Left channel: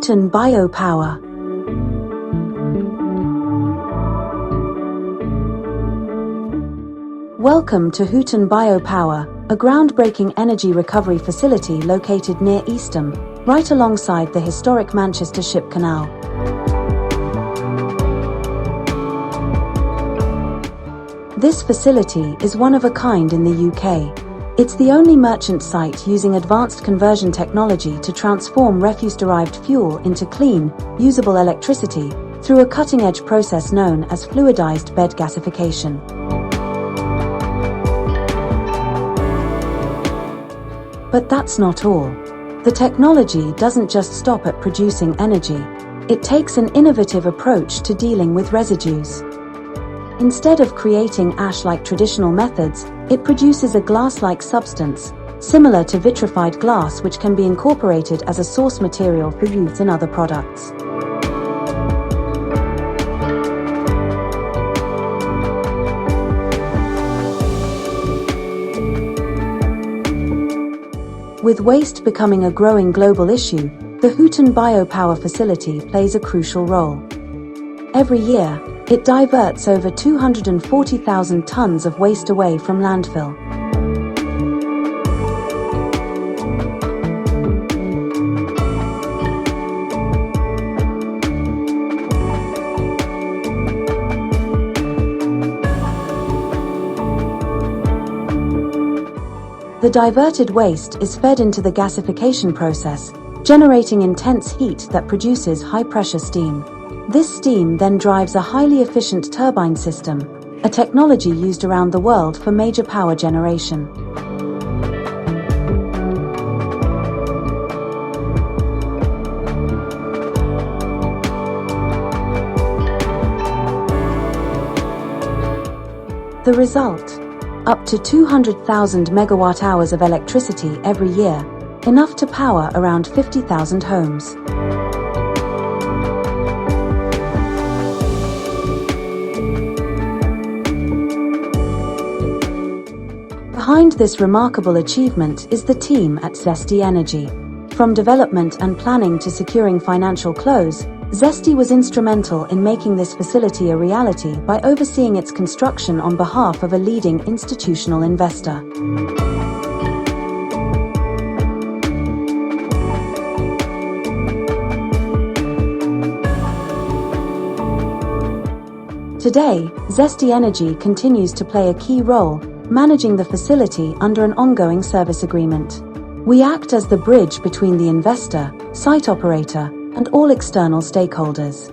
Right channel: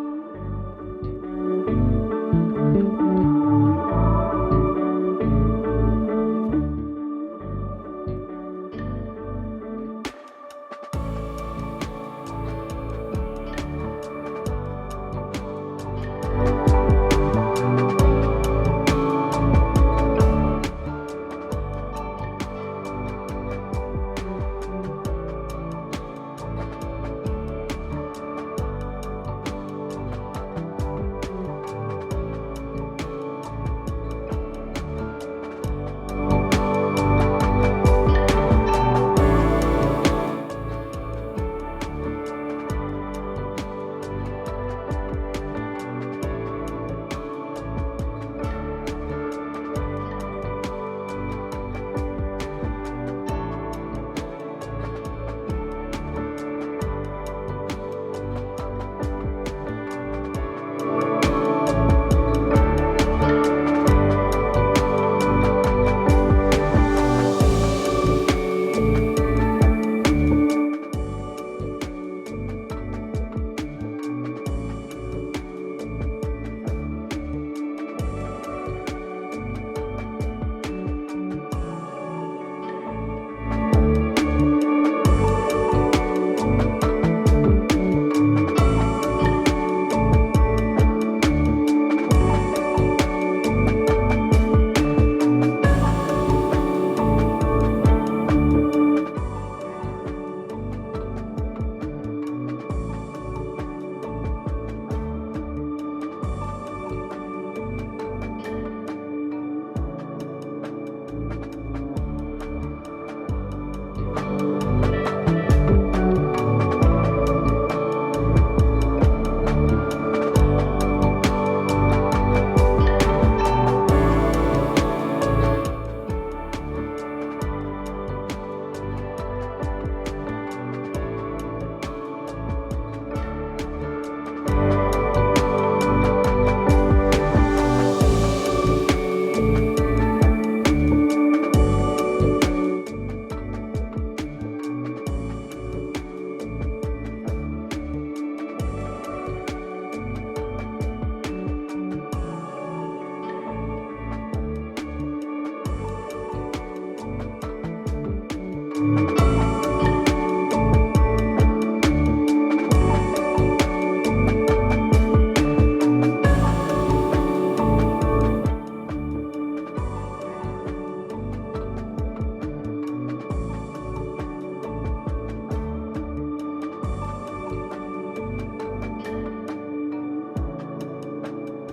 Hooton Bio Power. Welcome to Hooton Bio Power, a groundbreaking energy recovery facility located near Eastham, right alongside the historic Manchester Ship Canal. This facility is one of a kind in the UK. It's the only merchant site using advanced conversion technology to transform refuse-derived fuel into clean, usable electricity through a cutting-edge process known as fluidized bed gasification. But that's not all. The technology doesn't just stop at producing energy. It takes an innovative approach to dealing with residues. Instead of creating ash like traditional methods, it produces a glass-like substance, similar to vitrified glass, which can be incorporated as a source material for use in other products. With waste becoming a growing global issue, the Hooton Bio Power facility plays a crucial role. Every year, it diverts over 240,000 tons of waste away from landfill. The diverted waste is fed into the gasification process, generating intense heat that produces high-pressure steam. This steam then drives a highly efficient turbine system, a technology used around the world for major power generation. The result? Up to 200,000 megawatt-hours of electricity every year, enough to power around 50,000 homes. Behind this remarkable achievement is the team at Zesty Energy. From development and planning to securing financial close, Zesty was instrumental in making this facility a reality by overseeing its construction on behalf of a leading institutional investor. Today, Zesty Energy continues to play a key role, managing the facility under an ongoing service agreement. We act as the bridge between the investor, site operator, and all external stakeholders.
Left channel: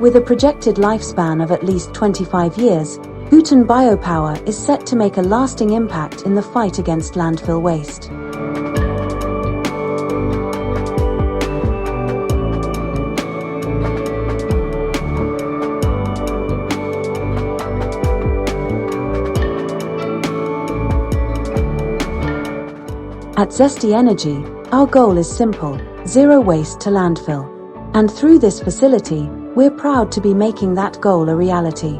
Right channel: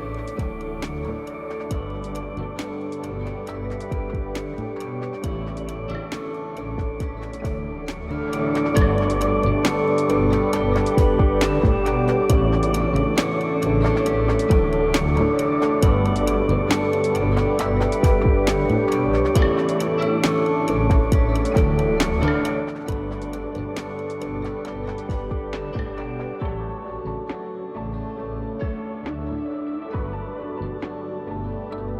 With a projected lifespan of at least 25 years, Hooton Bio Power is set to make a lasting impact in the fight against landfill waste. At Zesty Energy, our goal is simple: zero waste to landfill. And through this facility, we're proud to be making that goal a reality.